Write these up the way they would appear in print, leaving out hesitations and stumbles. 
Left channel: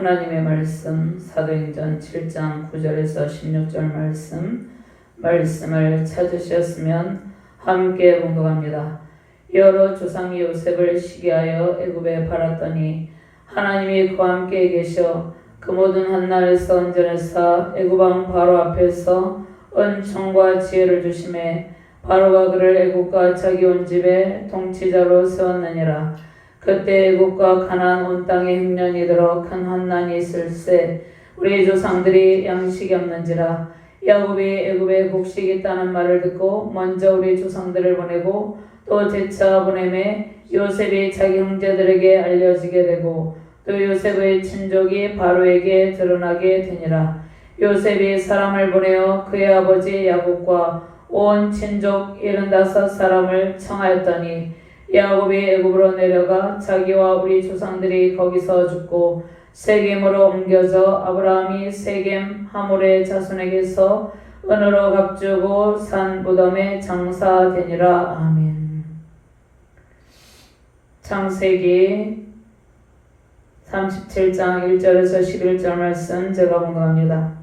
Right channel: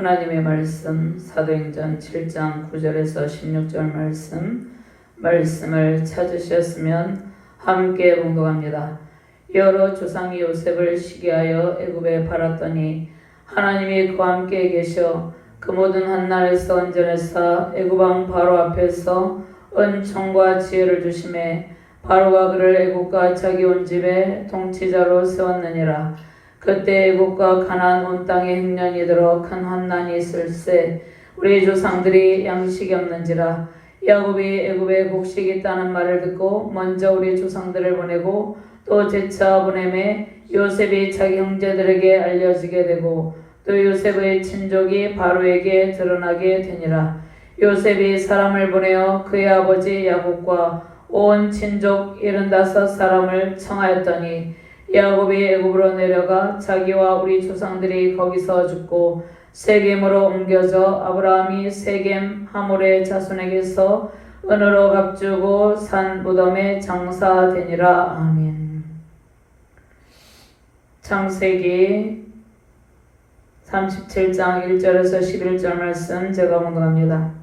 하나님의 말씀 사도행전 7장 9절에서 16절 말씀을 찾으셨으면 함께 봉독합니다. 여러 조상이 요셉을 시기하여 애굽에 팔았더니 하나님이 그와 함께 계셔 그 모든 한날에서 언전에서 애굽 왕 바로 앞에서 은총과 지혜를 주심에 바로가 그를 애굽과 자기 온 집에 통치자로 세웠느니라. 그때 애굽과 가나안 온 땅에 흉년이 들어 큰 환난이 있을세 우리 조상들이 양식이 없는지라. 야곱이 애굽에 곡식이 있다는 말을 듣고 먼저 우리 조상들을 보내고 또 재차 보내매 요셉이 자기 형제들에게 알려지게 되고 또 요셉의 친족이 바로에게 드러나게 되니라. 요셉이 사람을 보내어 그의 아버지 야곱과 온 친족 75사람을 청하였더니 야곱이 애굽으로 내려가 자기와 우리 조상들이 거기서 죽고 세겜으로 옮겨져 아브라함이 세겜 하몰의 자손에게서 은으로 값주고 산 무덤에 장사되니라. 아멘. 창세기 37장 1절에서 11절 말씀 제가 봉독합니다.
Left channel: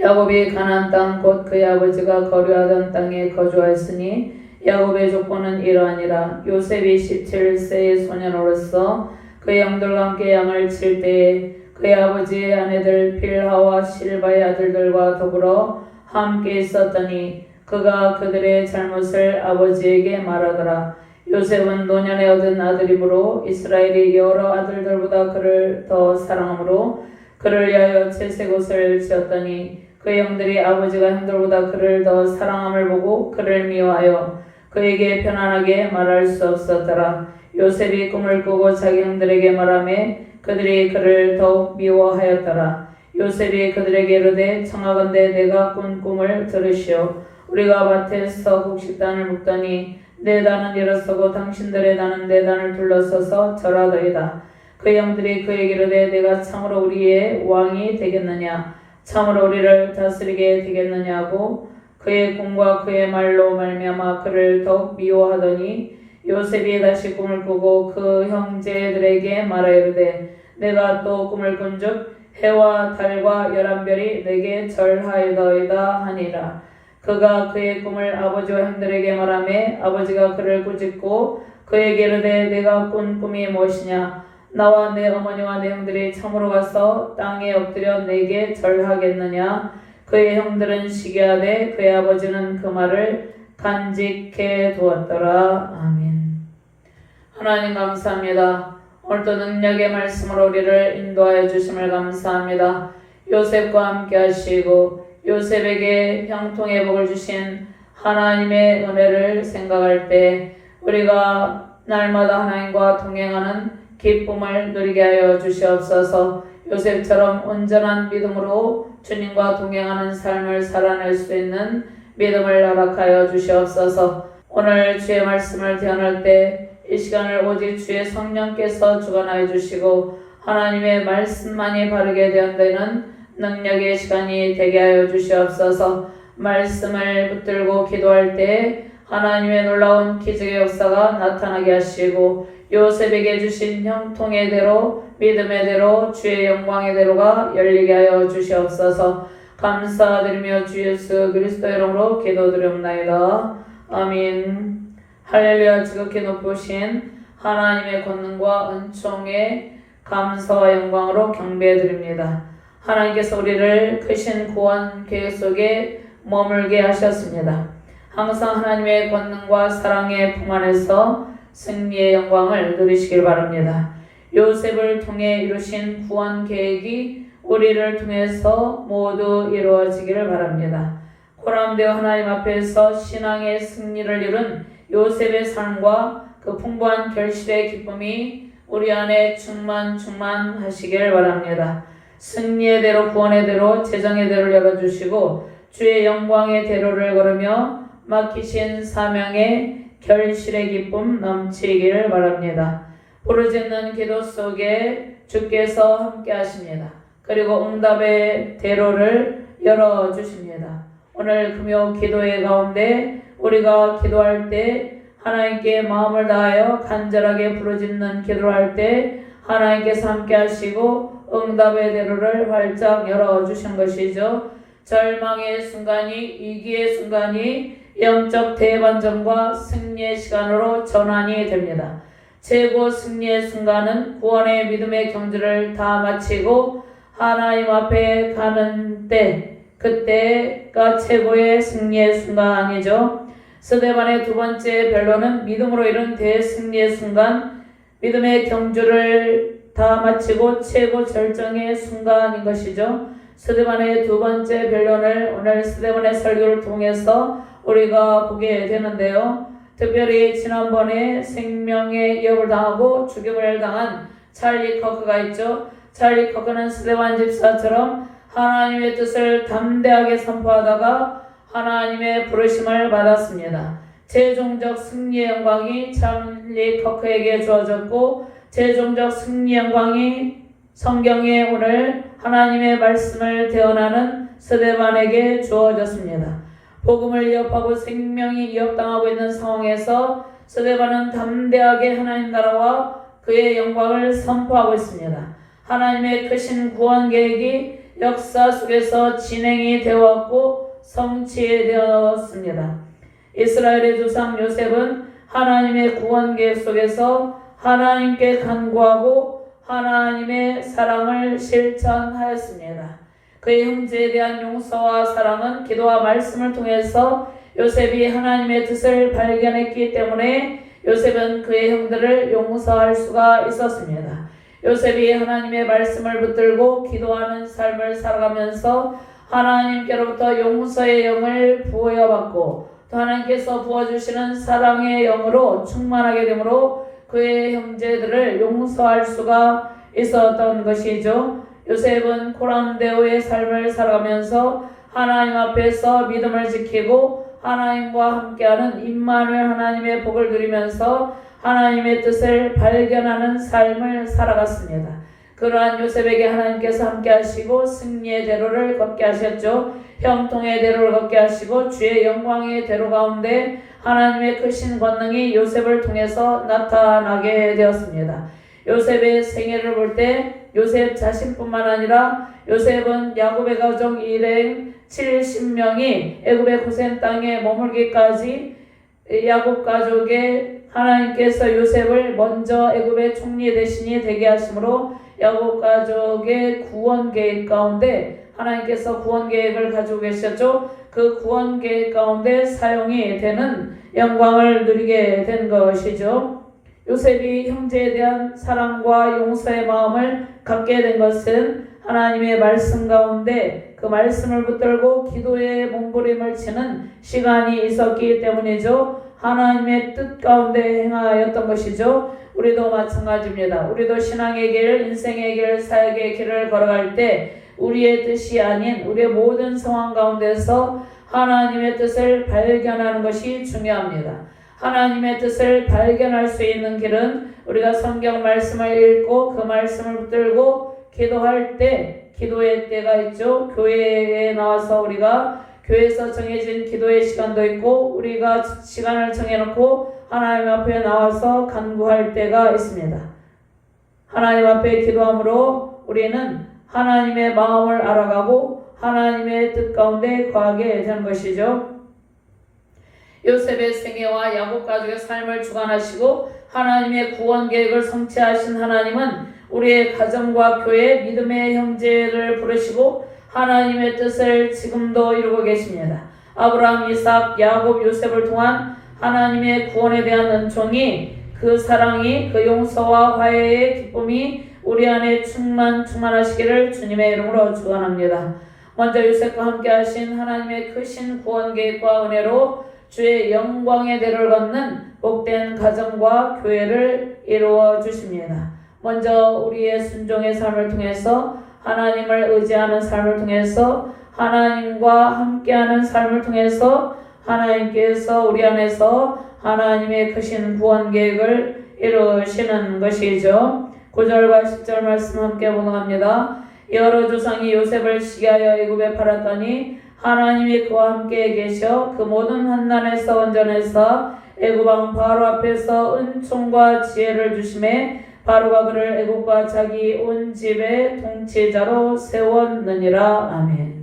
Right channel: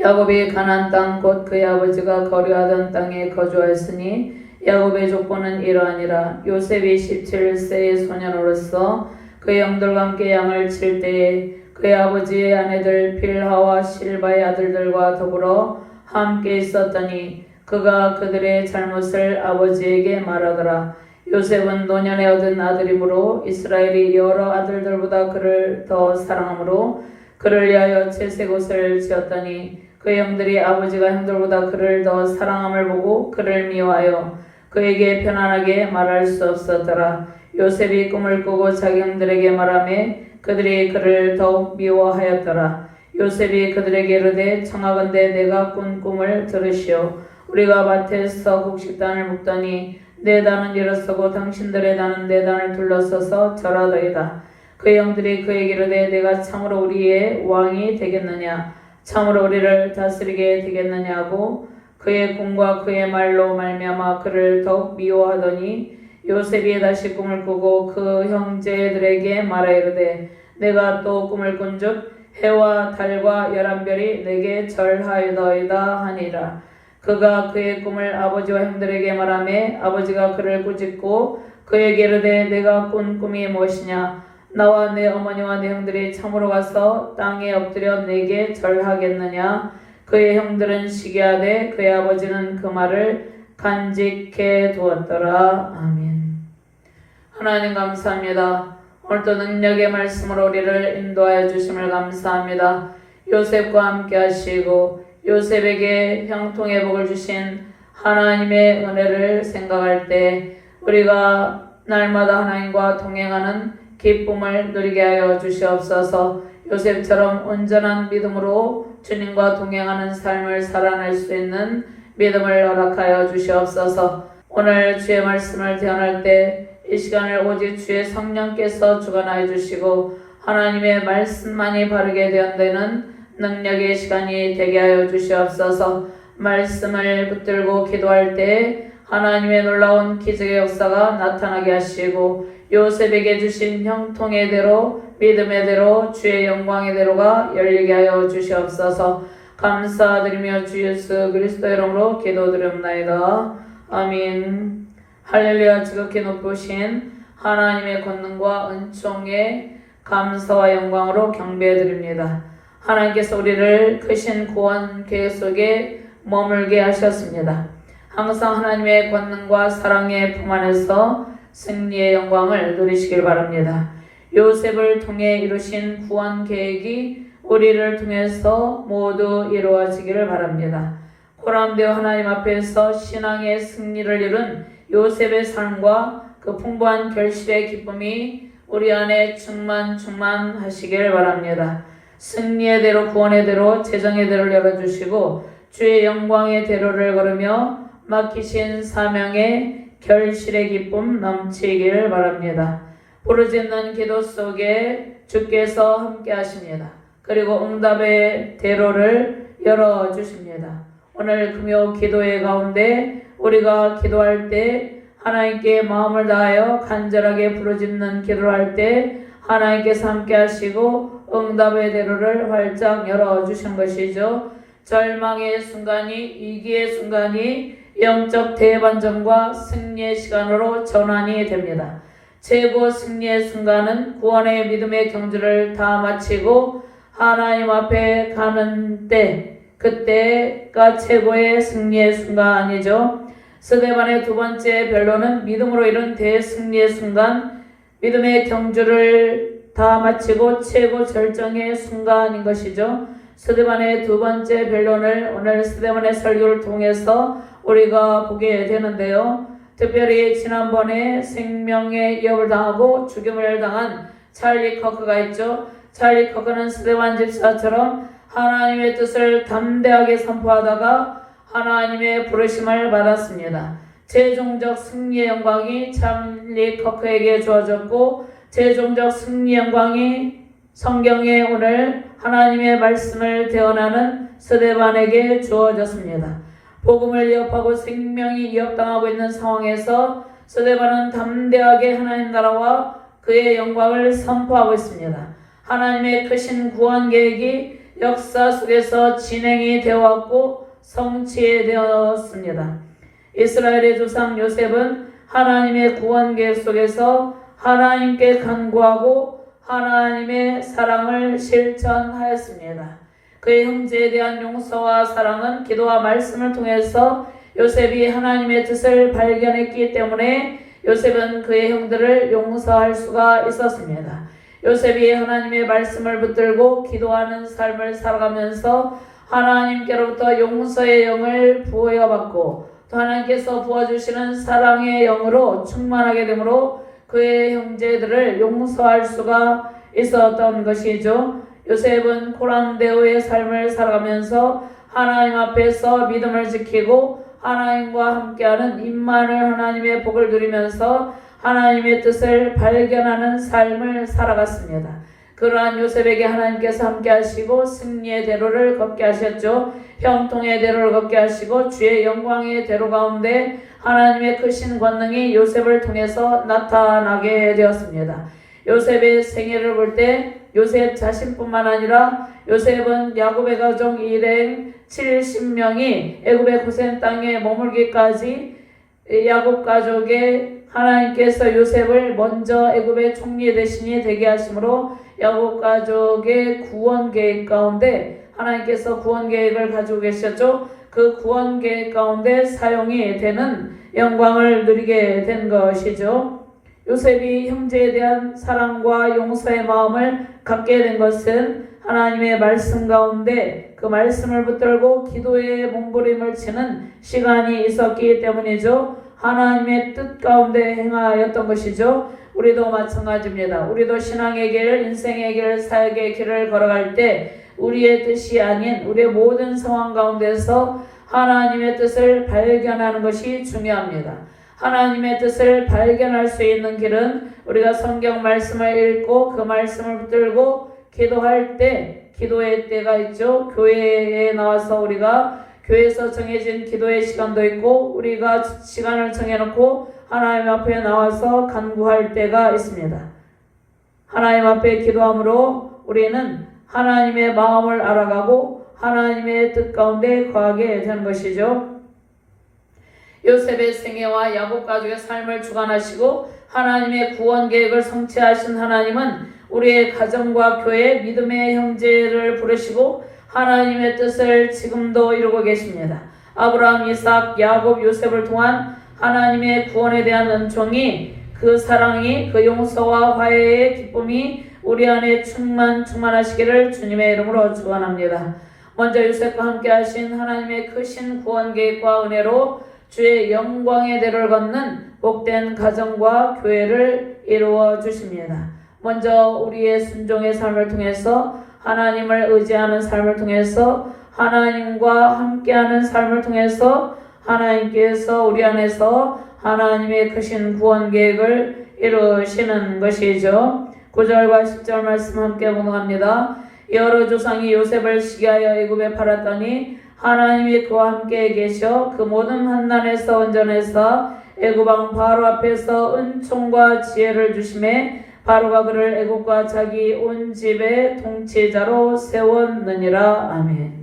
야곱이 가나안 땅 곧 그의 아버지가 거류하던 땅에 거주하였으니 야곱의 족보는 이러하니라. 요셉이 17세의 소년으로서 그의 형들과 함께 양을 칠 때에 그의 아버지의 아내들 빌하와 실바의 아들들과 더불어 함께 있었더니 그가 그들의 잘못을 아버지에게 말하더라. 요셉은 노년에 얻은 아들이므로 이스라엘이 여러 아들들보다 그를 더 사랑하므로 그를 위하여 채색옷을 지었더니 그의 형들이 아버지가 형들보다 그를 더 사랑함을 보고 그를 미워하여 그에게 편안하게 말할 수 없었더라. 요셉이 꿈을 꾸고 자기 형들에게 말하매 그들이 그를 더욱 미워하였더라. 요셉이 그들에게 이르되 청하건대 내가 꾼 꿈을 들으시오. 우리가 밭에서 곡식단을 묶더니 내 단은 일어서고 당신들의 단은 내 단을 둘러서서 절하더이다. 그의 형들이 그에게 이르되 내가 참으로 우리의 왕이 되겠느냐 참으로 우리를 다스리게 되겠느냐고 그의 꿈과 그의 말로 말미암아 그를 더욱 미워하더니 요셉이 다시 꿈을 꾸고 그 형제들에게 말하이르되 내가 또 꿈을 꾼즉 해와 달과 11별이 내게 절하여더이다 하니라. 그가 그의 꿈을 아버지와 형들에게 말하매 아버지가 그를 꾸짖고 그에게 이르되 내가 꾼 꿈이 무엇이냐 나와 내 어머니와 내 형들이 참으로 가서 땅에 엎드려 내게 절하겠느냐. 그의 형들은 시기하되 그의 아버지는 그 말을 간직해 두었더라. 아멘. 하나님 감사합니다. 오늘도 능력의 말씀으로 우리를 인도하여 주심을 감사합니다. 요셉과 함께 하시고 요셉에게 형통의 복을 주신 하나님의 은혜를 생각할 때 우리가 날마다 하나님과 동행하는 기쁨을 누리게 하여 주시옵소서. 요셉처럼 온전한 믿음으로 주님과 동행하는 삶을 살아낼 수 있는 믿음을 허락하여 주시옵소서. 오늘 주의 말씀을 대언할 때 이 시간을 오직 주의 성령께서 주관하여 주시고 하나님의 말씀만이 바르게 대언되는 능력의 시간이 되게 하여 주시옵소서. 말씀을 붙들고 기도할 때 하나님의 놀라운 기적의 역사가 나타나게 하시고 요셉에게 주신 형통의 대로 믿음의 대로 주의 영광의 대로가 열리게 하여 주시옵소서. 감사드리며 주 예수 그리스도의 이름으로 기도드리옵나이다. 아멘. 할렐루야. 지극히 높으신 하나님의 권능과 은총에 감사와 영광으로 경배드립니다. 하나님께서 우리를 크신 구원 계획 속에 머물게 하셨습니다. 항상 하나님의 권능과 사랑의 품 안에서 승리의 영광을 누리시길 바랍니다. 요셉을 통해 이루신 구원 계획이 우리를 통해서 모두 이루어지기를 바랍니다. 고람되어 하나님 앞에서 신앙의 승리를 이룬 요셉의 삶과 그 풍부한 결실의 기쁨이 우리 안에 충만하시길 바랍니다. 승리의 대로 구원의 대로 재정의 대로를 열어주시고 주의 영광의 대로를 걸으며 맡기신 사명의 결실의 기쁨 넘치기를 바랍니다. 부르짖는 기도 속에 주께서 함께 하십니다. 그리고 응답의 대로를 열어주십니다. 오늘 금요 기도의 가운데 우리가 기도할 때 하나님께 마음을 다하여 간절하게 부르짖는 기도를 할 때 하나님께서 함께 하시고 응답의 대로를 활짝 열어주신 것이죠. 절망의 순간이, 위기의 순간이 영적 대반전과 승리의 시간으로 전환이 됩니다. 최고 승리의 순간은 구원의 믿음의 경주를 다 마치고 하나님 앞에 가는 때, 그때가 최고의 승리의 순간이죠. 스데반의 두 번째 변론은 믿음으로 이룬 대승리의 순간, 믿음의 경주를 다 마치고 최고 절정의 순간인 것이죠. 스데반의 두 번째 변론을 오늘 스데반의 설교를 통해서 우리가 보게 되는데요. 특별히 지난번에 생명의 위협을 당하고 죽임을 당한 찰리 커크가 있죠. 찰리 커크는 스데반 집사처럼 하나님의 뜻을 담대하게 선포하다가 하나님의 부르심을 받았습니다. 최종적 승리의 영광이 찰리 커크에게 주어졌고, 최종적 승리의 영광이 성경에 오늘 하나님의 말씀을 대언하는 스데반에게 주어졌습니다. 복음을 위협하고 생명이 위협당하고 있는 상황에서 스데반은 담대하게 하나님 나라와 그의 영광을 선포하고 있습니다. 하나님의 크신 구원 계획이 역사 속에서 진행이 되었고 성취되었습니다. 이스라엘의 조상 요셉은 하나님의 구원 계획 속에서 하나님께 간구하고 하나님의 사랑을 실천하였습니다. 그의 형제에 대한 용서와 사랑은 기도와 말씀을 통해서 요셉이 하나님의 뜻을 발견했기 때문에 요셉은 그의 형들을 용서할 수가 있었습니다. 요셉이 하나님의 말씀을 붙들고 기도하는 삶을 살아가면서 하나님께로부터 용서의 영을 부어받고 또 하나님께서 부어주시는 사랑의 영으로 충만하게 되므로 그의 형제들을 용서할 수가 있었던 것이죠. 요셉은 코람데오의 삶을 살아가면서 하나님 앞에서 믿음을 지키고 하나님과 함께하는 임마누엘 하나님의 복을 누리면서 하나님의 뜻을 발견하는 삶을 살아갔습니다. 그러한 요셉에게 하나님께서 함께 하시고 승리의 대로를 걷게 하셨죠. 형통의 대로를 걷게 하시고 주의 영광의 대로 가운데 하나님의 크신 권능이 요셉을 통해서 나타나게 되었습니다. 요셉의 생애를 볼 때 요셉 자신뿐만 아니라 요셉은 야곱의 가족 일행 70명이 애굽의 고센 땅에 머물기까지 야곱 가족의 하나님께서 요셉을 먼저 애굽의 총리 대신이 되게 하심으로 야곱 가족의 구원 계획 가운데 하나님께서 구원 계획을 가지고 계셨죠. 그 구원 계획 가운데 사용이 되는 영광을 누리게 된 것이죠. 요셉이 형제에 대한 사랑과 용서의 마음을 갖게 된 것은 하나님의 말씀 가운데 그 말씀을 붙들고 기도의 몸부림을 치는 시간이 있었기 때문이죠. 하나님의 뜻 가운데 행하였던 것이죠. 우리도 마찬가지입니다. 우리도 신앙의 길, 인생의 길, 사역의 길을 걸어갈 때 우리의 뜻이 아닌 우리의 모든 상황 가운데서 하나님의 뜻을 발견하는 것이 중요합니다. 하나님의 뜻을 발견할 수 있는 길은 우리가 성경 말씀을 읽고 그 말씀을 붙들고 기도할 때, 기도의 때가 있죠. 교회에 나와서 우리가 교회에서 정해진 기도의 시간도 있고 우리가 시간을 정해놓고 하나님 앞에 나와서 간구할 때가 있습니다. 하나님 앞에 기도함으로 우리는 하나님의 마음을 알아가고 하나님의 뜻 가운데 거하게 되는 것이죠. 요셉의 생애와 야곱 가족의 삶을 주관하시고 하나님의 구원 계획을 성취하신 하나님은 우리의 가정과 교회, 믿음의 형제를 부르시고 하나님의 뜻을 지금도 이루고 계십니다. 아브라함, 이삭, 야곱, 요셉을 통한 하나님의 구원에 대한 은총이, 그 사랑이, 그 용서와 화해의 기쁨이 우리 안에 충만하시기를 주님의 이름으로 축원합니다. 먼저 요셉과 함께 하신 하나님의 크신 구원 계획과 은혜로 주의 영광의 대로를 걷는 복된 가정과 교회를 이루어 주십니다. 먼저 우리의 순종의 삶을 통해서 하나님을 의지하는 삶을 통해서 하나님과 함께하는 삶을 통해서 하나님께서 우리 안에서 하나님의 크신 구원 계획을 이루시는 것이죠. 9절과 10절 말씀 함께 봉독합니다. 여러 조상이 요셉을 시기하여 애굽에 팔았더니 하나님이 그와 함께 계셔 그 모든 환난에서 온전해서 애굽 왕 바로 앞에서 은총과 지혜를 주심에 바로가 그를 애국과 자기 온 집의 통치자로 세웠느니라. 아멘.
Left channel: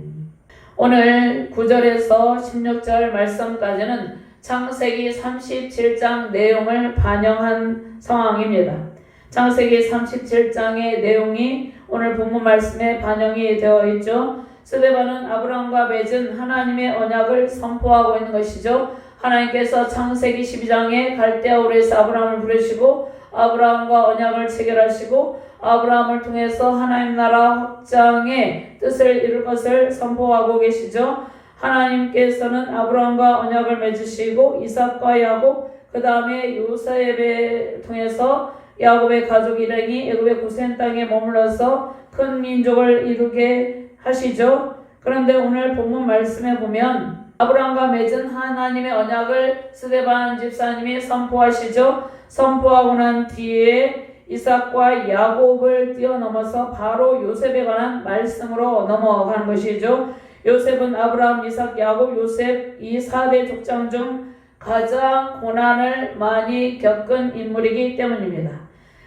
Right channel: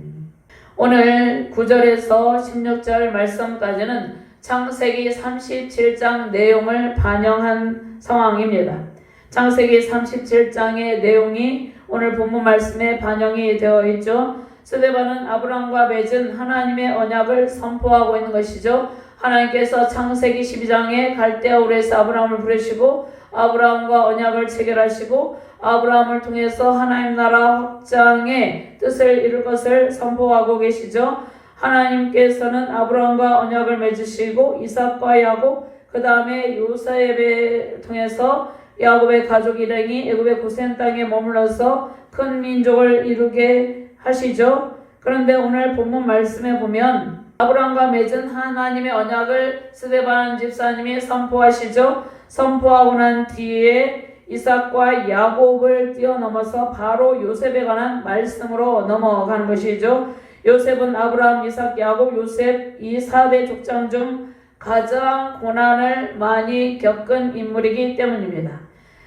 오늘 9절에서 16절 말씀까지는 창세기 37장 내용을 반영한 상황입니다. 창세기 37장의 내용이 오늘 본문 말씀에 반영이 되어 있죠. 스데반은 아브라함과 맺은 하나님의 언약을 선포하고 있는 것이죠. 하나님께서 창세기 12장에 갈대아 우르에서 아브라함을 부르시고 아브라함과 언약을 체결하시고 아브라함을 통해서 하나님 나라 확장의 뜻을 이룰 것을 선포하고 계시죠. 하나님께서는 아브라함과 언약을 맺으시고 이삭과 야곱, 그 다음에 요셉을 통해서 야곱의 가족 일행이 애굽의 고센 땅에 머물러서 큰 민족을 이루게 하시죠. 그런데 오늘 본문 말씀에 보면 아브라함과 맺은 하나님의 언약을 스데반 집사님이 선포하시죠. 선포하고 난 뒤에 이삭과 야곱을 뛰어넘어서 바로 요셉에 관한 말씀으로 넘어가는 것이죠. 요셉은 아브라함, 이삭, 야곱, 요셉 이 4대 족장 중 가장 고난을 많이 겪은 인물이기 때문입니다.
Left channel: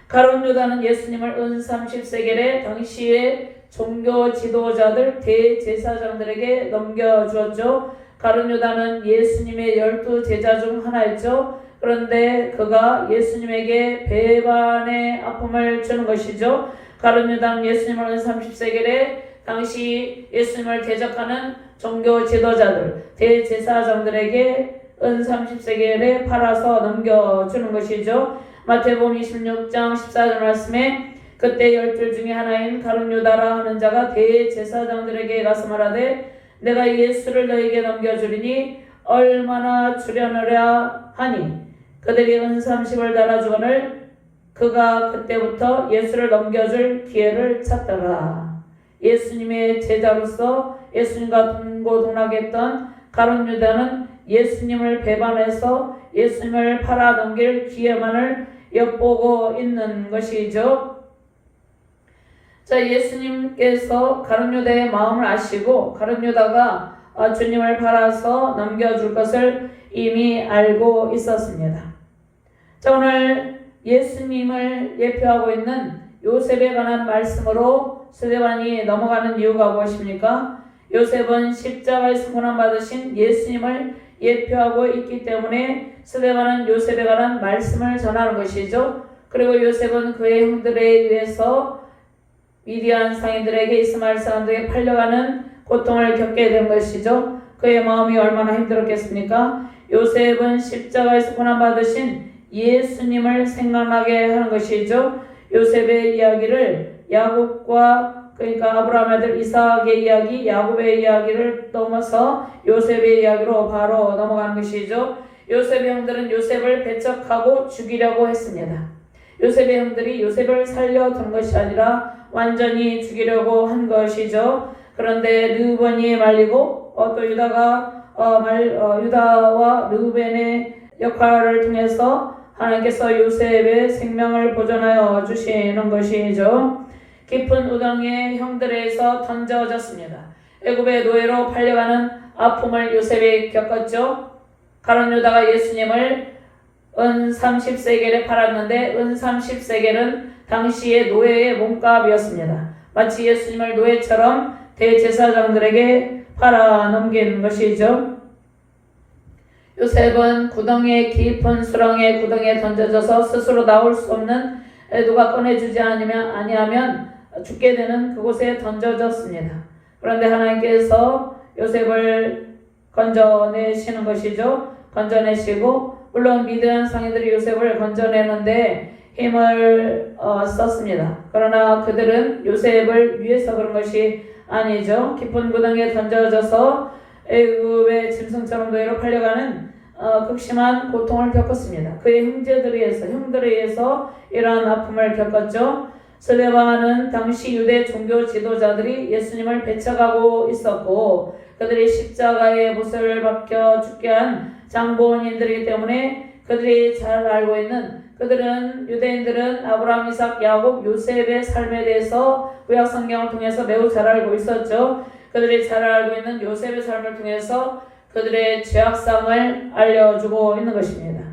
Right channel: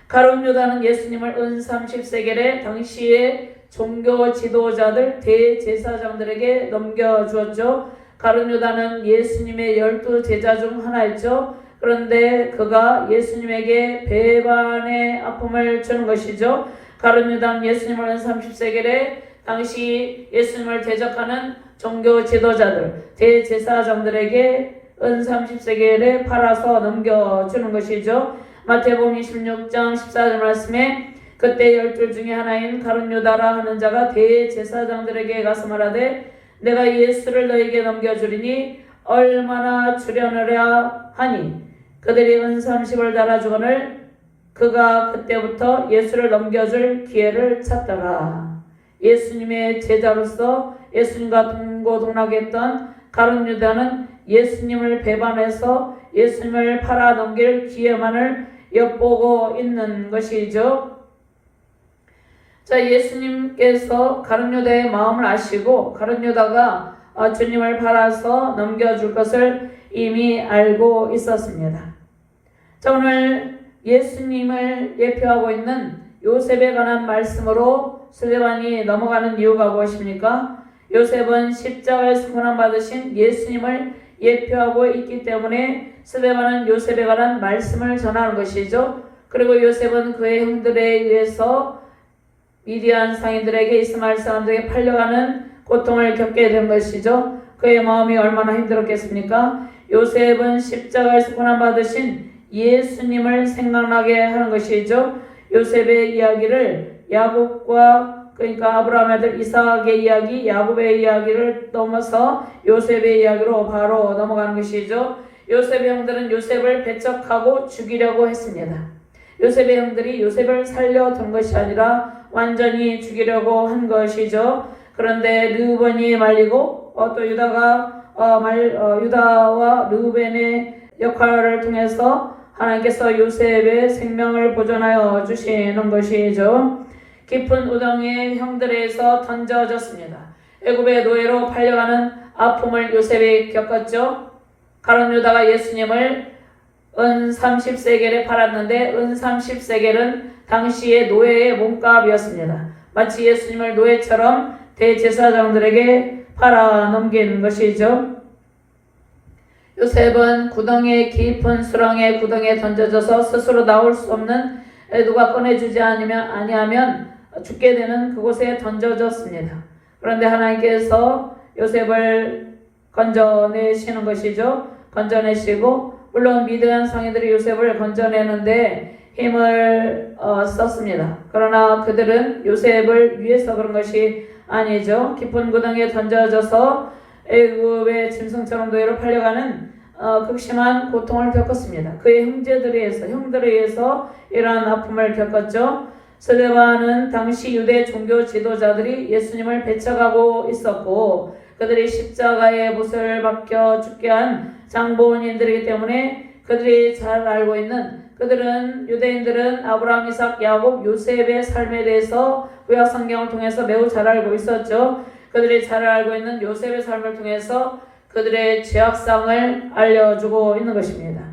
가룟 유다는 예수님을 은 30세겔에 당시의 종교 지도자들 대제사장들에게 넘겨주었죠. 가룟 유다는 예수님의 12제자 중 하나였죠. 그런데 그가 예수님에게 배반의 아픔을 주는 것이죠. 가룟 유다는 예수님을 은 30세겔에 당시 예수님을 대적하는 종교 지도자들 대제사장들에게 은 30세겔에 팔아서 넘겨주는 것이죠. 마태복음 26장 14절 말씀에 그때 12 중에 하나인 가룟 유다라 하는 자가 대제사장들에게 가서 말하되 내가 예수를 너에게 넘겨주리니 얼마나 주려느냐 하니 그들이 은 30을 달아주거늘 그가 그때부터 예수를 넘겨줄 기회를 찾더라. 예수님의 제자로서 예수님과 동고동락했던 가룟 유다는 예수님을 배반해서 예수님을 팔아 넘길 기회만을 엿보고 있는 것이죠. 자, 예수님께서 가룟 유다의 마음을 아시고 가룟 유다가 주님을 팔아서 넘겨줄 것을 이미 알고 있었습니다. 자, 오늘 예수님을 예표하고 있는 요셉에 관한 말씀으로 스데반이 넘어가는 이유가 무엇입니까? 요셉은 십자가에서 고난받으신 예수님을 예표하고 있기 때문에 스데반은 요셉에 관한 말씀을 전하는 것이죠. 그리고 요셉은 그의 형들에 의해서 미디안 상인들에게 이스마엘 사람들에게 팔려가는 고통을 겪게 된 것이죠. 그의 마음이 얼마나 힘들었겠습니까? 요셉은 십자가에서 고난받으신 예수님을 생각나게 하는 것이죠. 요셉의 이야기를 야곱과 그러니까 아브라함 아들 이삭의 이야기, 야곱의 이야기를 넘어서 요셉의 이야기로 바로 넘어가는 것이죠. 요셉의 형들은 요셉을 배척하고 죽이려고 했습니다. 요셉의 형들이 요셉을 살려둔 것이 아니라 완전히 죽이려고 한 것이죠. 그런데 르우벤이 말리고 또 유다와 르우벤의 역할을 통해서 하나님께서 요셉의 생명을 보존하여 주시는 것이죠. 깊은 우당의 형들에서 던져졌습니다. 애굽의 노예로 팔려가는 아픔을 요셉이 겪었죠. 가룟 유다가 예수님을 은 30세겔에 팔았는데 은 30세겔은 당시의 노예의 몸값이었습니다. 마치 예수님을 노예처럼 대제사장들에게 팔아 넘긴 것이죠. 요셉은 구덩이의 깊은 수렁의 구덩이에 던져져서 스스로 나올 수 없는 누가 꺼내주지 아니하면 죽게 되는 그곳에 던져졌습니다. 그런데 하나님께서 요셉을 건져내시는 것이죠. 건져내시고 물론 미디안 상인들이 요셉을 건져내는데 힘을 썼습니다. 그러나 그들은 요셉을 위해서 그런 것이 아니죠. 깊은 구덩이에 던져져서 애굽의 짐승처럼 노예로 팔려가는 극심한 고통을 겪었습니다. 그의 형들에 의해서 이러한 아픔을 겪었죠. 스데반은 당시 유대 종교 지도자들이 예수님을 배척하고 있었고 그들이 십자가의 못을 박혀 죽게 한 장본인들이기 때문에 그들이 잘 알고 있는 유대인들은 아브라함, 이삭, 야곱, 요셉의 삶에 대해서 구약 성경을 통해서 매우 잘 알고 있었죠. 그들이 잘 알고 있는 요셉의 삶을 통해서 그들의 죄악상을 알려주고 있는 것입니다.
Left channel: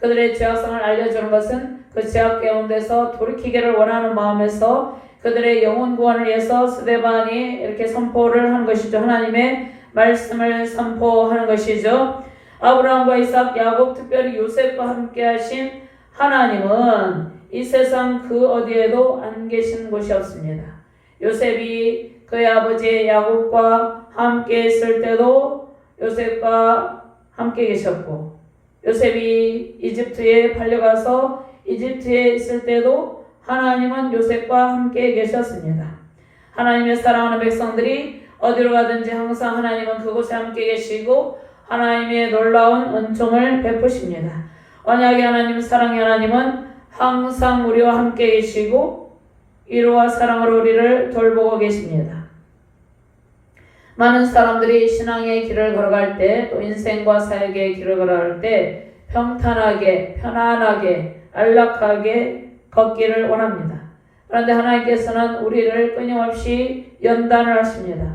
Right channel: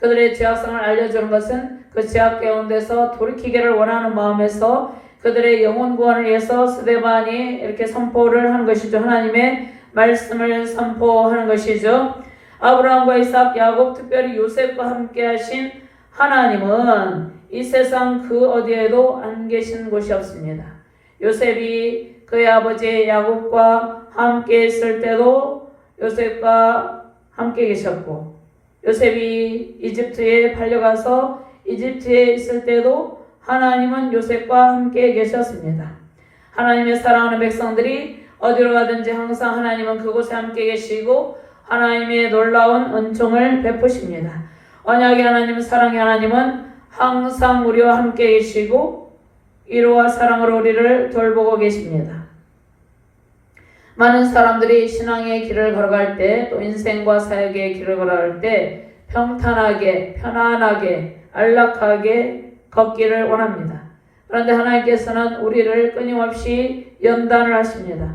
그들의 죄악상을 알려주는 것은 그 제약 가운데서 돌이키기를 원하는 마음에서 그들의 영혼 구원을 위해서 스데반이 이렇게 선포를 한 것이죠. 하나님의 말씀을 선포하는 것이죠. 아브라함과 이삭, 야곱, 특별히 요셉과 함께 하신 하나님은 이 세상 그 어디에도 안 계신 곳이 없습니다. 요셉이 그의 아버지 야곱과 함께 있을 때도 요셉과 함께 계셨고, 요셉이 이집트에 팔려가서 이집트에 있을 때도 하나님은 요셉과 함께 계셨습니다. 하나님의 사랑하는 백성들이 어디로 가든지 항상 하나님은 그곳에 함께 계시고 하나님의 놀라운 은총을 베푸십니다. 언약의 하나님, 사랑의 하나님은 항상 우리와 함께 계시고 위로와 사랑으로 우리를 돌보고 계십니다. 많은 사람들이 신앙의 길을 걸어갈 때, 또 인생과 사역의 길을 걸어갈 때 평탄하게, 편안하게, 안락하게 걷기를 원합니다. 그런데 하나님께서는 우리를 끊임없이 연단을 하십니다.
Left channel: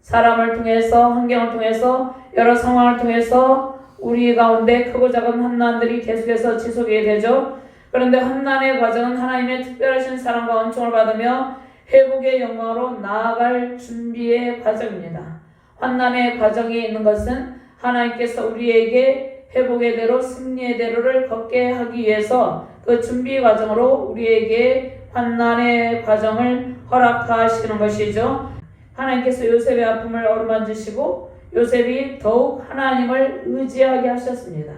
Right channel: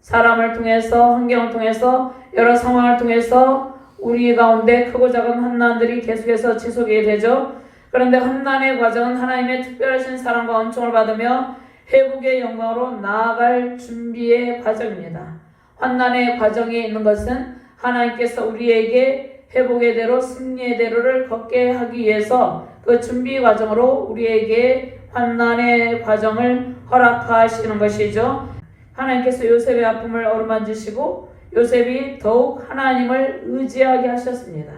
사람을 통해서, 환경을 통해서, 여러 상황을 통해서 우리 가운데 크고 작은 환난들이 계속해서 지속이 되죠. 그런데 환난의 과정은 하나님의 특별하신 사랑과 은총을 받으며 회복의 영광으로 나아갈 준비의 과정입니다. 환난의 과정이 있는 것은 하나님께서 우리에게 회복의 대로, 승리의 대로를 걷게 하기 위해서 그 준비 과정으로 우리에게 환난의 과정을 허락하시는 것이죠. 하나님께서 요셉의 아픔을 어루만지시고 요셉이 더욱 하나님을 의지하게 하셨습니다.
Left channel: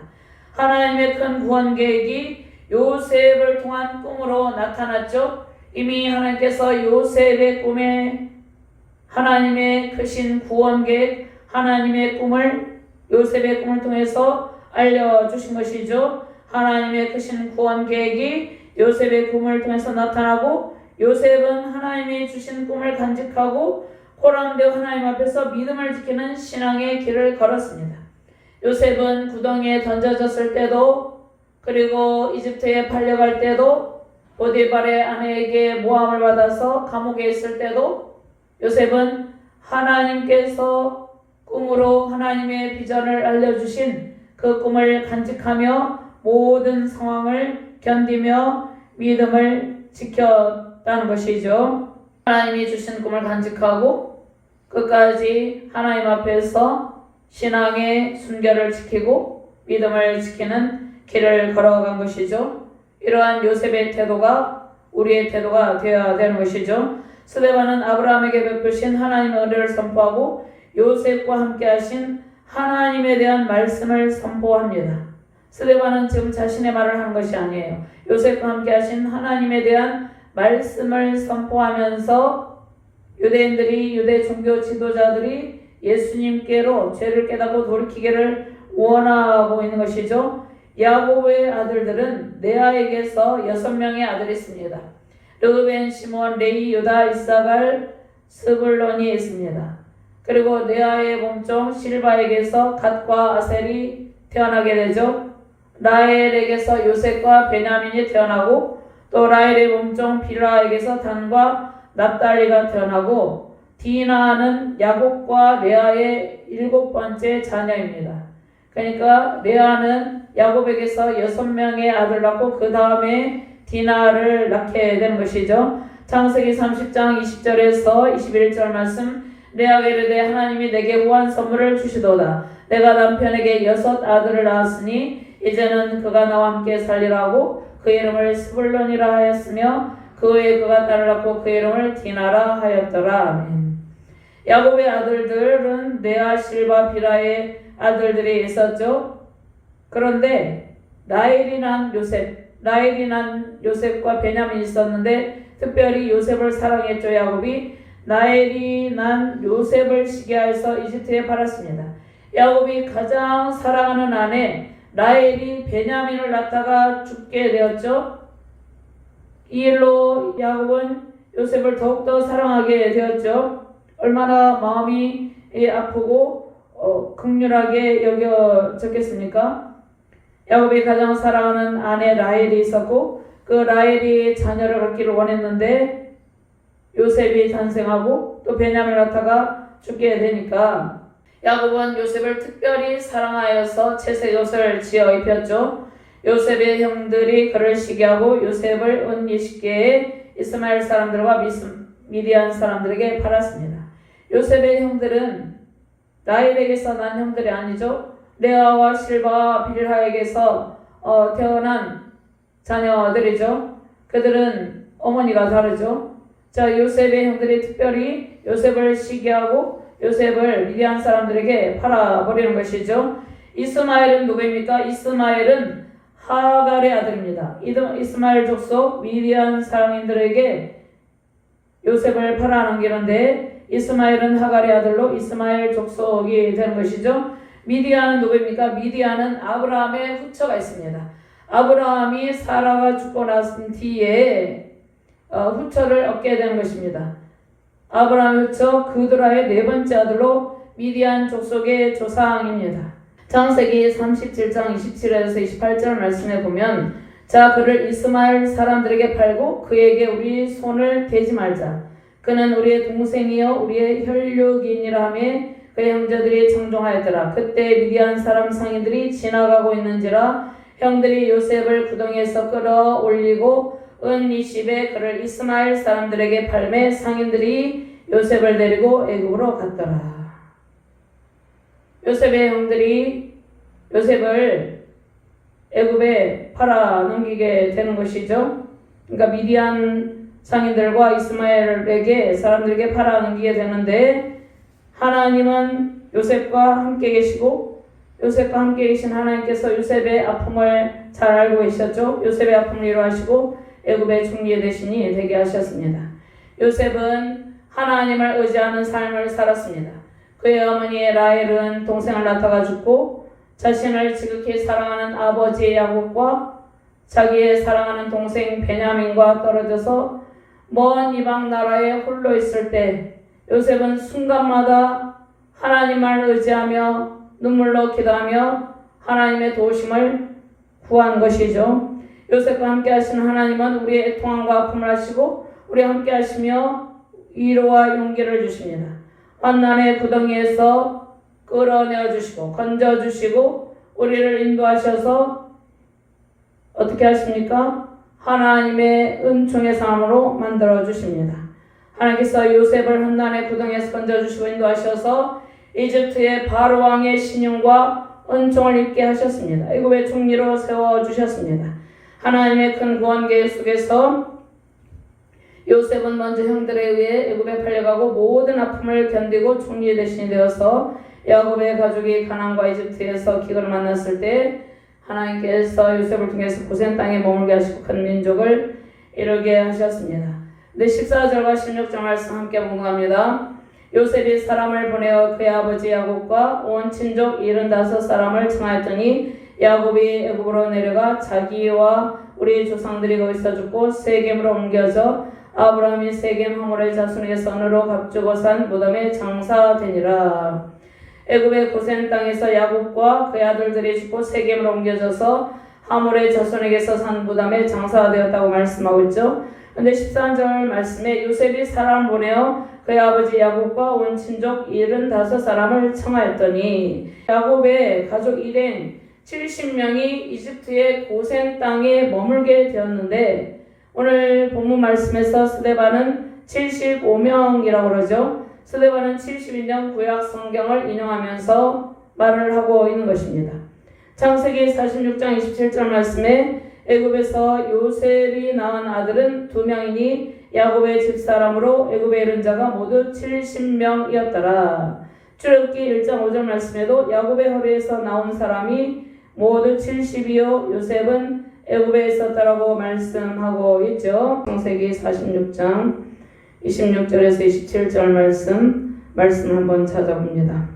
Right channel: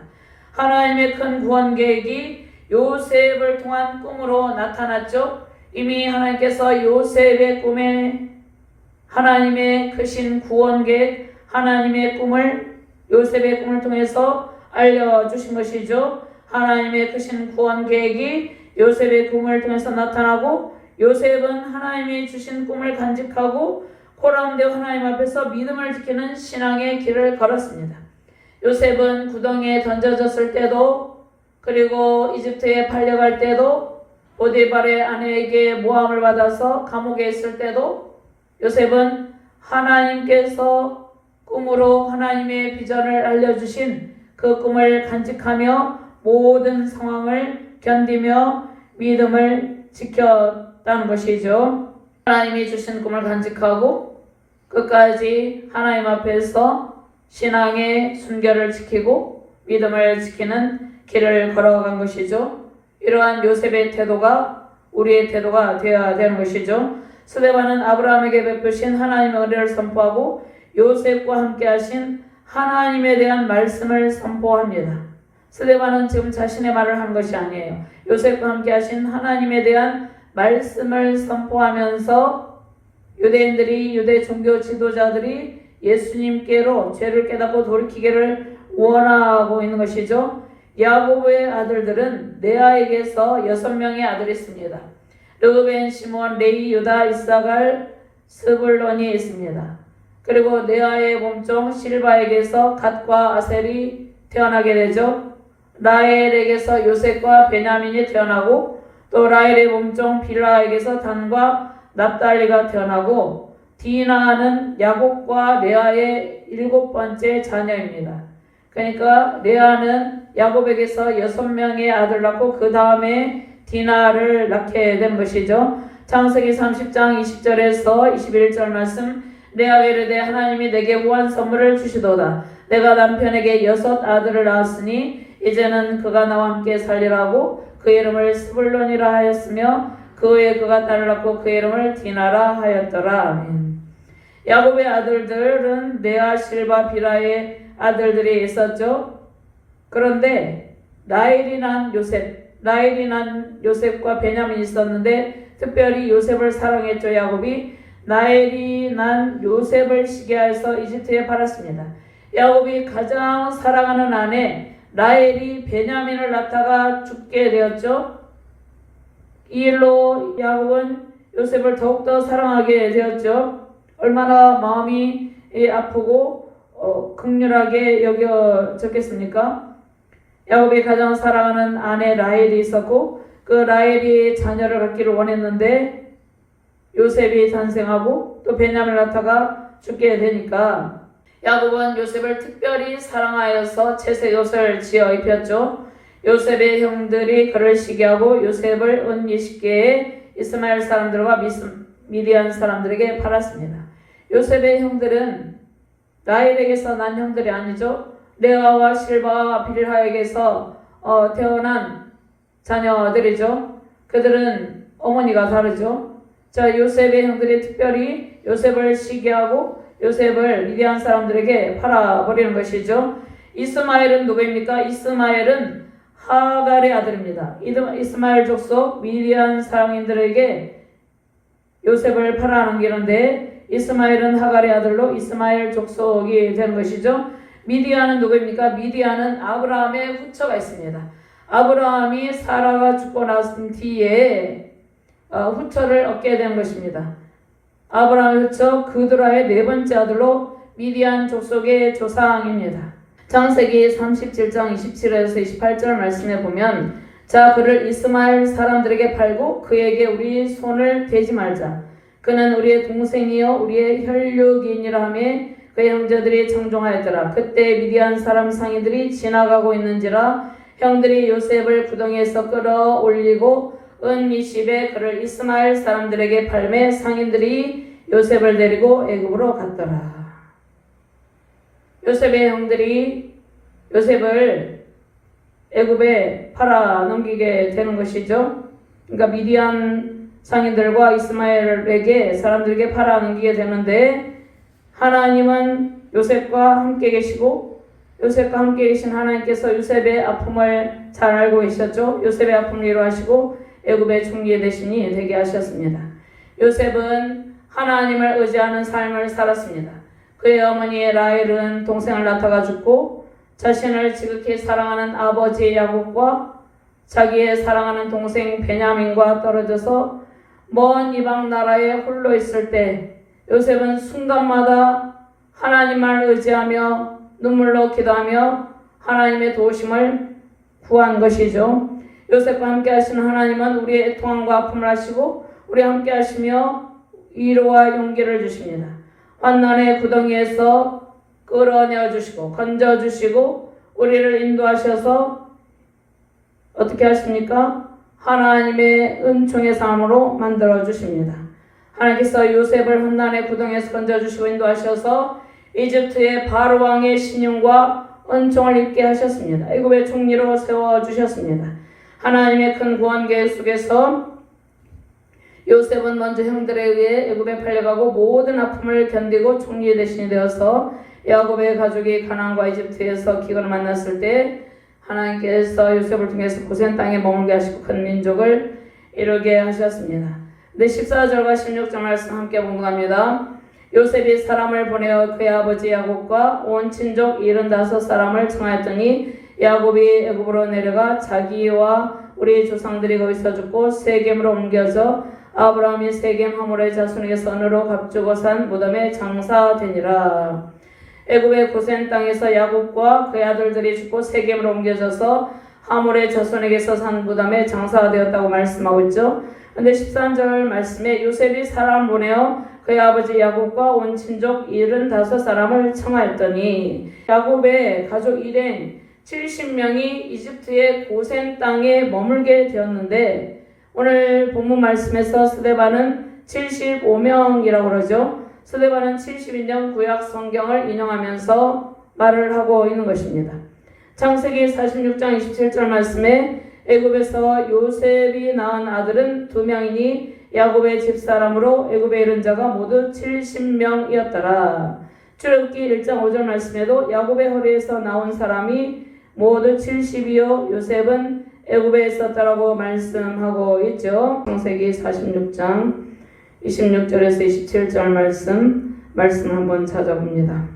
하나님의 큰 구원 계획이 요셉을 통한 꿈으로 나타났죠. 이미 하나님께서 요셉의 꿈에 하나님의 크신 구원 계획, 하나님의 꿈을 요셉의 꿈을 통해서 알려주신 것이죠. 하나님의 크신 구원 계획이 요셉의 꿈을 통해서 나타나고, 요셉은 하나님이 주신 꿈을 간직하고 고난되어 하나님 앞에서 믿음을 지키는 신앙의 길을 걸었습니다. 요셉은 구덩이에 던져졌을 때도, 그리고 이집트에 팔려갈 때도, 보디발의 아내에게 모함을 받아서 감옥에 있을 때도 요셉은 하나님께서 꿈으로 하나님의 비전을 알려주신 그 꿈을 간직하며 모든 상황을 견디며 믿음을 지켰다는 것이죠. 하나님이 주신 꿈을 간직하고 끝까지 하나님 앞에서 신앙의 순결을 지키고 믿음을 지키는 길을 걸어간 것이죠. 이러한 요셉의 태도가 우리의 태도가 되어야 되는 것이죠. 스데반은 아브라함에게 베푸신 하나님의 은혜를 선포하고 요셉과 함께 하신 하나님에 대한 말씀을 선포합니다. 스데반은 지금 자신의 말을 한 것이 아니에요. 요셉과 함께 하신 하나님에 대한 말씀을 선포하면서 유대인들이, 유대 종교 지도자들이 예수님께로 죄를 깨닫고 돌이키기를 원하고 있는 것이죠. 야곱의 아들들은 레아에게서 6명의 아들이 있습니다. 르우벤, 시몬, 레위, 유다, 이사갈, 스불론이 있습니다. 그리고 레아의 몸종 실바에게서 갓과 아셀이 태어나게 되죠. 라헬에게서 요셉과 베냐민이 태어나고, 또 라헬의 몸종 빌라에게서 단과 납달리가 태어나고, 디나는 야곱과 레아의 7번째 자녀입니다. 그러니까 레아는 야곱에게서 6명의 아들 낳고 그 다음에 디나를 낳게 된 것이죠. 창세기 30장 20절에서 21절 말씀, 레아가 이르되 하나님이 내게 후한 선물을 주시도다. 내가 남편에게 6 아들을 낳았으니 이제는 그가 나와 함께 살리라고 그 이름을 스불론이라 하였으며 그 후에 그가 딸을 낳고 그 이름을 디나라 하였더라. 아멘. 야곱의 아들들은 레아, 실바, 비라의 아들들이 있었죠. 그런데 라헬이 난 요셉과 베냐민이 있었는데 특별히 요셉을 사랑했죠. 야곱이 라헬이 난 요셉을 시기하여서 이집트에 팔았습니다. 야곱이 가장 사랑하는 아내 라헬이 베냐민을 낳다가 죽게 되었죠. 이 일로 야곱은 요셉을 더욱더 사랑하게 되었죠. 얼마나 마음이 아프고 극률하게 여겨졌겠습니까? 야곱이 가장 사랑하는 아내 라헬이 있었고 그 라헬이 자녀를 갖기를 원했는데 요셉이 탄생하고 또 베냐민을 낳다가 죽게 되니까 야곱은 요셉을 특별히 사랑하여서 채색 옷을 지어 입혔죠. 요셉의 형들이 그를 시기하고 요셉을 은 20개의 이스마엘 사람들과 미디안 사람들에게 팔았습니다. 요셉의 형들은 라헬에게서 난 형들이 아니죠. 레아와 실바와 빌하에게서 태어난 자녀들이죠. 그들은 어머니가 다르죠. 자, 요셉의 형들이 특별히 요셉을 시기하고 요셉을 미디안 사람들에게 팔아버리는 것이죠. 이스마엘은 누구입니까? 이스마엘은 하갈의 아들입니다. 이스마엘 족속 미디안 사람들에게 요셉을 팔아넘기는데 이스마엘은 하갈의 아들로 이스마엘 족속이 되는 것이죠. 미디안은 누구입니까? 미디안은 아브라함의 후처가 있습니다. 아브라함이 사라가 죽고 나선 뒤에 후처를 얻게 된 것입니다. 아브라함의 후처 그드라의 네 번째 아들로 미디안 족속의 조상입니다. 창세기 37장 27에서 28절 말씀에 보면 자 그를 이스마엘 사람들에게 팔고 그에게 우리 손을 대지 말자. 그는 우리의 동생이요 우리의 혈육인이라 하며 그의 형제들이 청종하였더라. 그때 미디안 사람 상인들이 지나가고 있는지라 형들이 요셉을 구덩이에서 끌어올리고 은 20에 그를 이스마엘 사람들에게 팔매 상인들이 요셉을 데리고 애굽으로 갔더라. 요셉의 형들이 요셉을 애굽에 팔아넘기게 되는 것이죠. 그러니까 미디안 상인들과 이스마엘에게 사람들에게 팔아넘기게 되는데 하나님은 요셉과 함께 계시고 요셉과 함께 계신 하나님께서 요셉의 아픔을 잘 알고 계셨죠. 요셉의 아픔을 이루하시고 애굽의 총리 대신이 되게 하셨습니다. 요셉은 하나님을 의지하는 삶을 살았습니다. 그의 어머니 라헬은 동생을 낳다가 죽고 자신을 지극히 사랑하는 아버지 야곱과 자기의 사랑하는 동생 베냐민과 떨어져서 먼 이방 나라에 홀로 있을 때 요셉은 순간마다 하나님을 의지하며 눈물로 기도하며 하나님의 도우심을 구한 것이죠. 요셉과 함께 하시는 하나님은 우리의 애통함과 아픔을 하시고 우리와 함께 하시며 위로와 용기를 주십니다. 환난의 구덩이에서 끌어내어 주시고 건져 주시고 우리를 인도하셔서 어떻게 하십니까? 하나님의 은총의 삶으로 만들어 주십니다. 하나님께서 요셉을 환난의 구덩이에서 건져 주시고 인도하셔서 이집트의 바로 왕의 신용과 은총을 입게 하셨습니다. 애굽의 총리로 세워 주셨습니다. 하나님의 큰 구원 계획 속에서 요셉은 먼저 형들에 의해 애굽에 팔려가고 모든 아픔을 견디고 총리 대신이 되어서 야곱의 가족이 가나안과 이집트에서 기근을 만났을 때 하나님께서 요셉을 통해서 고센 땅에 머물게 하시고 큰 민족을 이루게 하셨습니다. 네, 14절과 16절 말씀 함께 공부합니다. 요셉이 사람을 보내어 그의 아버지 야곱과 온 친족 75사람을 청하였더니 야곱이 애굽으로 내려가 자기와 우리 조상들이 거기서 죽고 세겜으로 옮겨져 아브라함이 세겜 하몰의 자손에게 선으로 값주고 산 무덤에 장사되니라. 애굽의 고센 땅에서 야곱과 그의 아들들이 죽고 세겜으로 옮겨져서 하몰의 자손에게서 산 무덤에 장사되었다고 말씀하고 있죠. 근데 13절 말씀에 요셉이 사람 보내어 그의 아버지 야곱과 온 친족 75사람을 청하였더니 야곱의 가족 일행 70명이 이집트의 고센 땅에 머물게 되었는데 오늘 본문 말씀에서 스데반은 75명이라고 그러죠. 스데반은 71년 구약 성경을 인용하면서 말을 하고 있는 것입니다. 창세기 46장 27절 말씀에 애굽에서 요셉이 낳은 아들은 2명이니 야곱의 집사람으로 애굽에 이른 자가 모두 70명이었더라. 출애굽기 1장 5절 말씀에도 야곱의 허리에서 나온 사람이 모두 70이요 요셉은 애굽에 있었다라고 말씀하고 있죠. 창세기 46장 26절에서 27절 말씀 한번 찾아봅니다.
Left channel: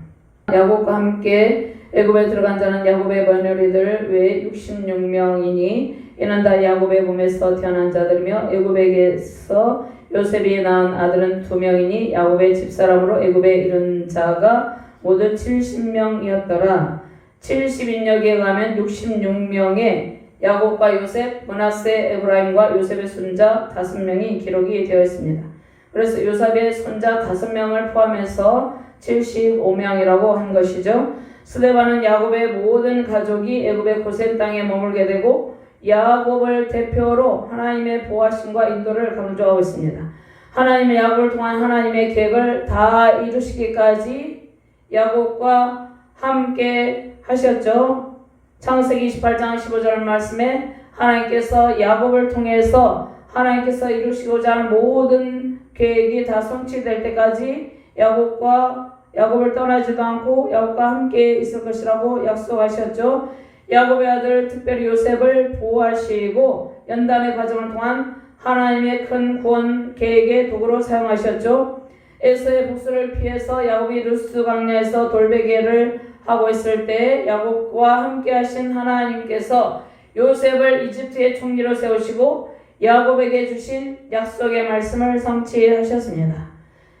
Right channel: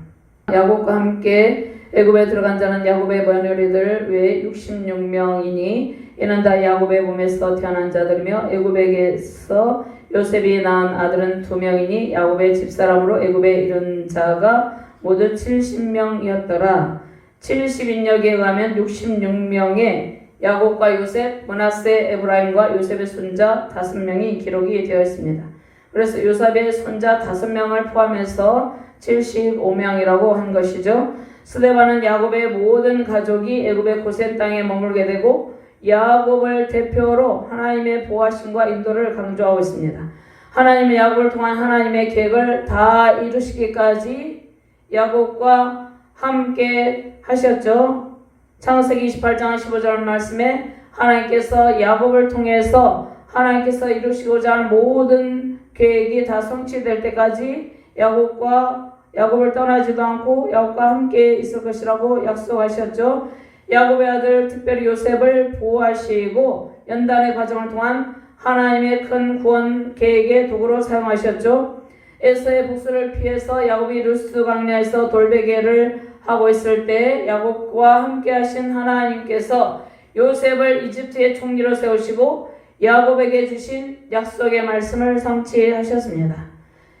야곱과 함께 애굽에 들어간 자는 야곱의 며느리들 외에 66명이니 이는 다 야곱의 몸에서 태어난 자들이며 애굽에게서 요셉이 낳은 아들은 2명이니 야곱의 집사람으로 애굽에 이른 자가 모두 70명이었더라. 70인역에 의하면 66명의 야곱과 요셉, 므낫세, 에브라임과 요셉의 손자 5명이 기록이 되어 있습니다. 그래서 요셉의 손자 5명을 포함해서 75명이라고 한 것이죠. 스데반은 야곱의 모든 가족이 애굽의 고센 땅에 머물게 되고 야곱을 대표로 하나님의 보호하심과 인도를 강조하고 있습니다. 하나님의 야곱을 통한 하나님의 계획을 다 이루시기까지 야곱과 함께 하셨죠. 창세기 28장 15절 말씀에 하나님께서 야곱을 통해서 하나님께서 이루시고자 하는 모든 계획이 다 성취될 때까지 야곱을 떠나지도 않고 야곱과 함께 있을 것이라고 약속하셨죠. 야곱의 아들 특별히 요셉을 보호하시고 연단의 과정을 통한 하나님의 큰 구원 계획의 도구로 사용하셨죠. 에서의 복수를 피해서 야곱이 루스 광야에서 돌베개를 하고 있을 때 야곱과 함께 하신 하나님께서 요셉을 이집트의 총리로 세우시고 야곱에게 주신 약속의 말씀을 성취하셨습니다.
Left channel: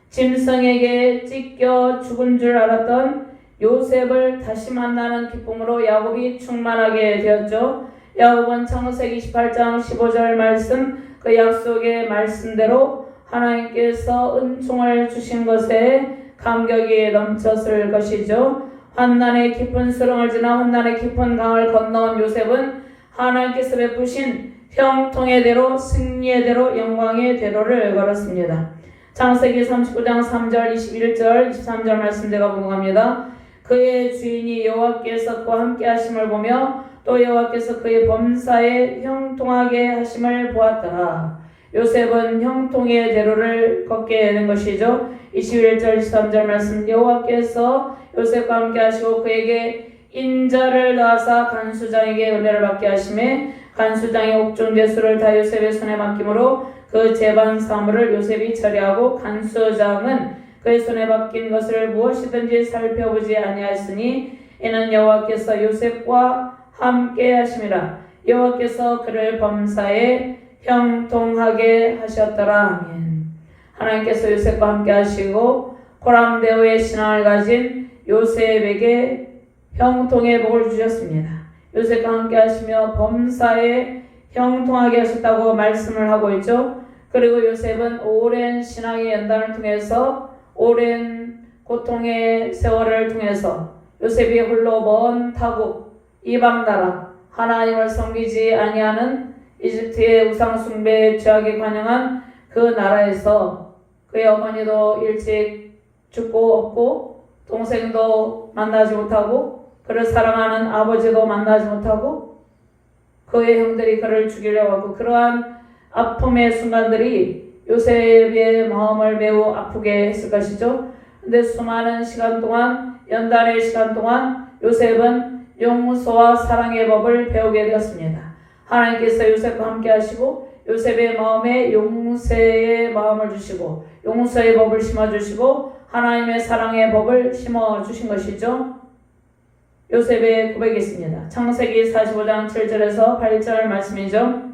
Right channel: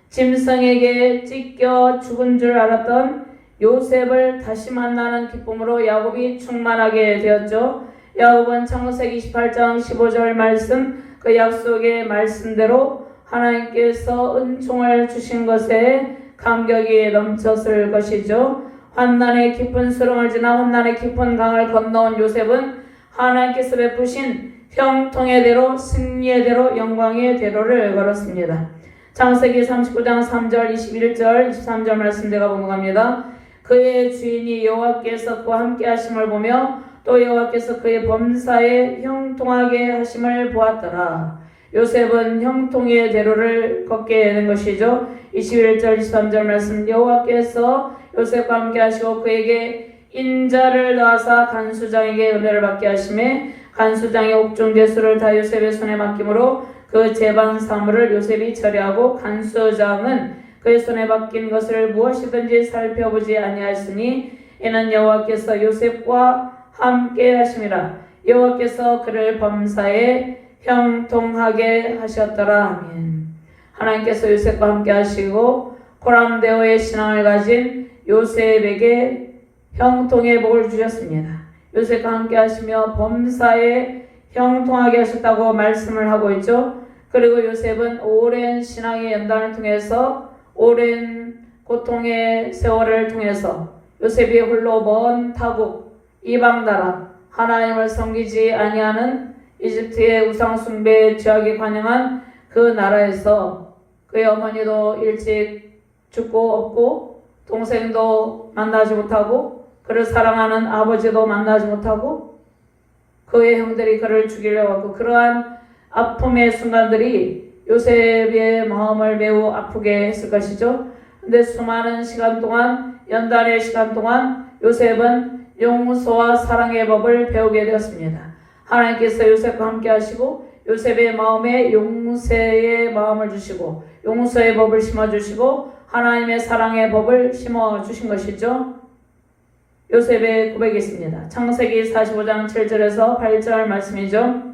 짐승에게 찢겨 죽은 줄 알았던 요셉을 다시 만나는 기쁨으로 야곱이 충만하게 되었죠. 야곱은 창세기 28장 15절 말씀 그 약속의 말씀대로 하나님께서 은총을 주신 것에 감격이 넘쳤을 것이죠. 환난의 깊은 수렁을 지나 환난의 깊은 강을 건너온 요셉은 하나님께서 베푸신 형통의 대로 승리의 대로 영광의 대로를 걸었습니다. 창세기 39장 3절 21절 23절 말씀 제가 봉독합니다. 그의 주인이 여호와께서 그와 함께 하심을 보며 또 여호와께서 그의 범사에 형통하게 하심을 보았더라. 요셉은 형통의 대로를 걷게 된 것이죠. 21절 23절 말씀 여호와께서 요셉과 함께 하시고 그에게 인자를 낳아사 간수장에게 은혜를 받게 하심에 간수장의 옥중 대수를 다 요셉의 손에 맡김으로 그 재반 사물을 요셉이 처리하고 간수장은 그의 손에 맡긴 것을 무엇이든지 살펴보지 아니하였으니 이는 여호와께서 요셉과 함께 하심이라. 여호와께서 그를 범사에 형통하게 하셨더라. 아멘. 하나님께서 요셉과 함께 하시고 고람대오의 신앙을 가진 요셉에게 형통의 복을 주셨습니다. 요셉과 함께 하시며 범사에 형통하게 하셨다고 말씀을 하고 있죠. 그리고 요셉은 오랜 신앙의 연단을 통해서 오랜 고통의 세월을 통해서 요셉이 홀로 먼 타국 이방 나라 하나님을 섬기지 아니하는 이집트의 우상 숭배에 죄악에 관영한 그 나라에서 그의 어머니도 일찍 죽고 없고 동생도 만나지 못하고 그를 사랑하는 아버지도 만나지 못하고 그의 형들이 그를 죽이려고 하고 그러한 아픔의 순간들이 요셉의 마음을 매우 아프게 했을 것이죠. 근데 수많은 시간 동안 연단의 시간 동안 요셉은 용서와 사랑의 법을 배우게 되었습니다. 하나님께서 요셉과 함께 하시고 요셉의 마음에 용서의 마음을 주시고 용서의 법을 심어주시고 하나님의 사랑의 법을 심어주신 것이죠. 요셉의 고백이 있습니다. 창세기 45장 7절에서 8절 말씀이죠.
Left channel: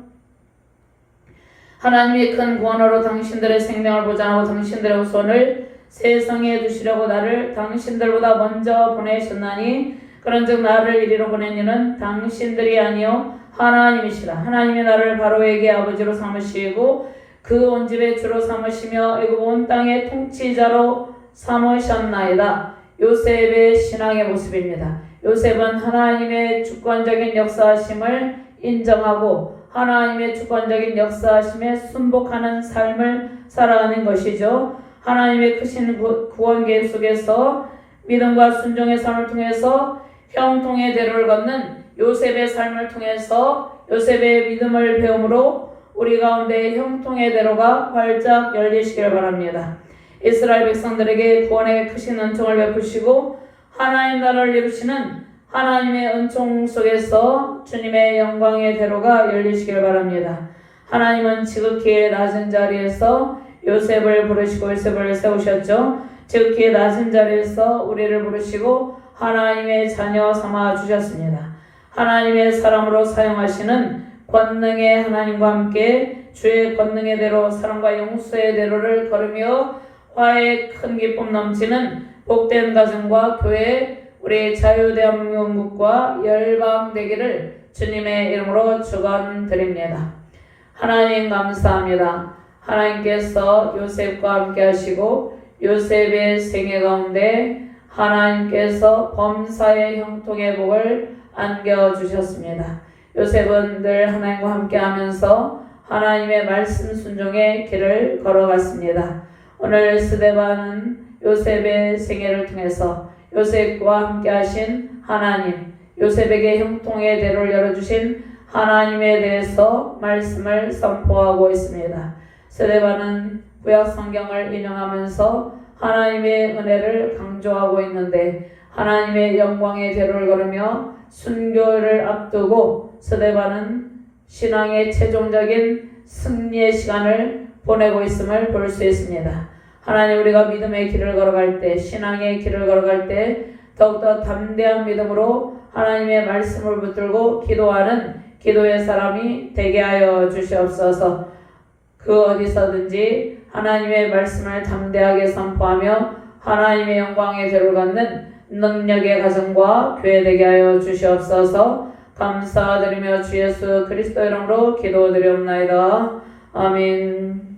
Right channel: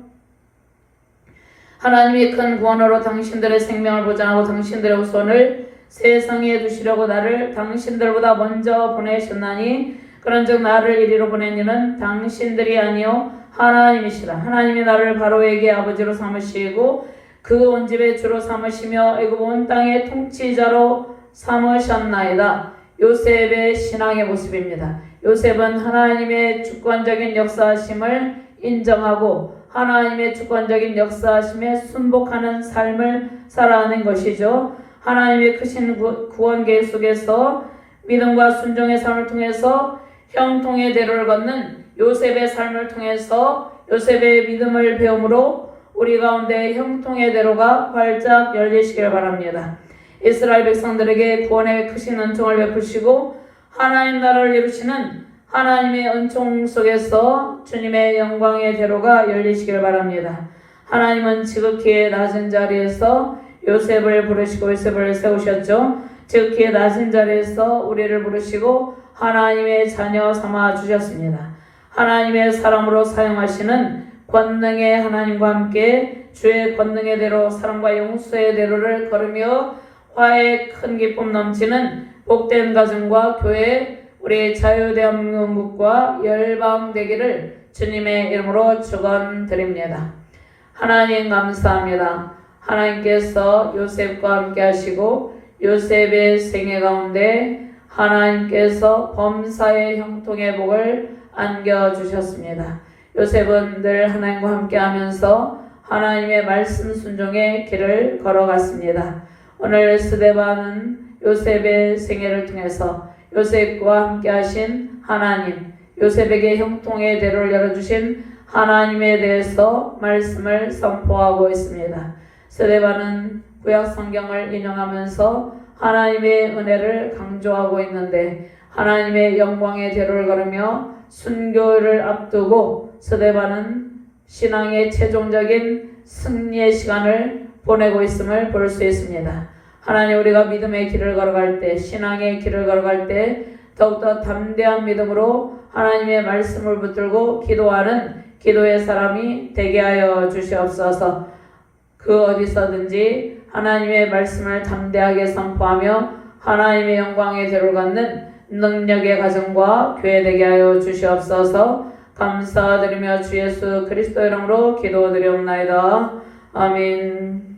하나님이 큰 구원으로 당신들의 생명을 보장하고 당신들의 후손을 세상에 두시려고 나를 당신들보다 먼저 보내셨나니 그런즉 나를 이리로 보낸 이는 당신들이 아니요 하나님이시라. 하나님이 나를 바로에게 아버지로 삼으시고 그 온 집의 주로 삼으시며 애굽 온 땅의 통치자로 삼으셨나이다. 요셉의 신앙의 모습입니다. 요셉은 하나님의 주권적인 역사하심을 인정하고 하나님의 주권적인 역사하심에 순복하는 삶을 살아가는 것이죠. 하나님의 크신 구원 계획 속에서 믿음과 순종의 삶을 통해서 형통의 대로를 걷는 요셉의 삶을 통해서 요셉의 믿음을 배움으로 우리 가운데 형통의 대로가 활짝 열리시길 바랍니다. 이스라엘 백성들에게 구원의 크신 은총을 베푸시고 하나님 나라를 이루시는 하나님의 은총 속에서 주님의 영광의 대로가 열리시길 바랍니다. 하나님은 지극히 낮은 자리에서 요셉을 부르시고 요셉을 세우셨죠. 지극히 낮은 자리에서 우리를 부르시고 하나님의 자녀 삼아 주셨습니다. 하나님의 사람으로 사용하시는 권능의 하나님과 함께 주의 권능의 대로 사랑과 용서의 대로를 걸으며 화의 큰 기쁨 넘치는 복된 가정과 교회 우리 자유대한민국과 열방되기를 주님의 이름으로 축원드립니다. 하나님 감사합니다. 하나님께서 요셉과 함께 하시고 요셉의 생애 가운데 하나님께서 범사의 형통의 복을 안겨주셨습니다. 요셉은 늘 하나님과 함께하면서 하나님의 말씀 순종의 길을 걸어갔습니다. 오늘 스데반은 요셉의 생애를 통해서 요셉과 함께하신 하나님, 요셉에게 형통의 대로를 열어주신 하나님에 대해서 말씀을 선포하고 있습니다. 스데반은 구약 성경을 인용하면서 하나님의 은혜를 강조하고 있는데 하나님의 영광의 대로를 걸으며 순교를 앞두고 스데반은 신앙의 최종적인 승리의 시간을 보내고 있음을 볼 수 있습니다. 하나님, 우리가 믿음의 길을 걸어갈 때, 신앙의 길을 걸어갈 때 더욱더 담대한 믿음으로 하나님의 말씀을 붙들고 기도하는 기도의 사람이 되게 하여 주시옵소서. 그 어디서든지 하나님의 말씀을 담대하게 선포하며 하나님의 영광의 대로를 갖는 능력의 가정과 교회 되게 하여 주시옵소서. 감사드리며 주 예수 그리스도 이름으로 기도드리옵나이다. 아멘.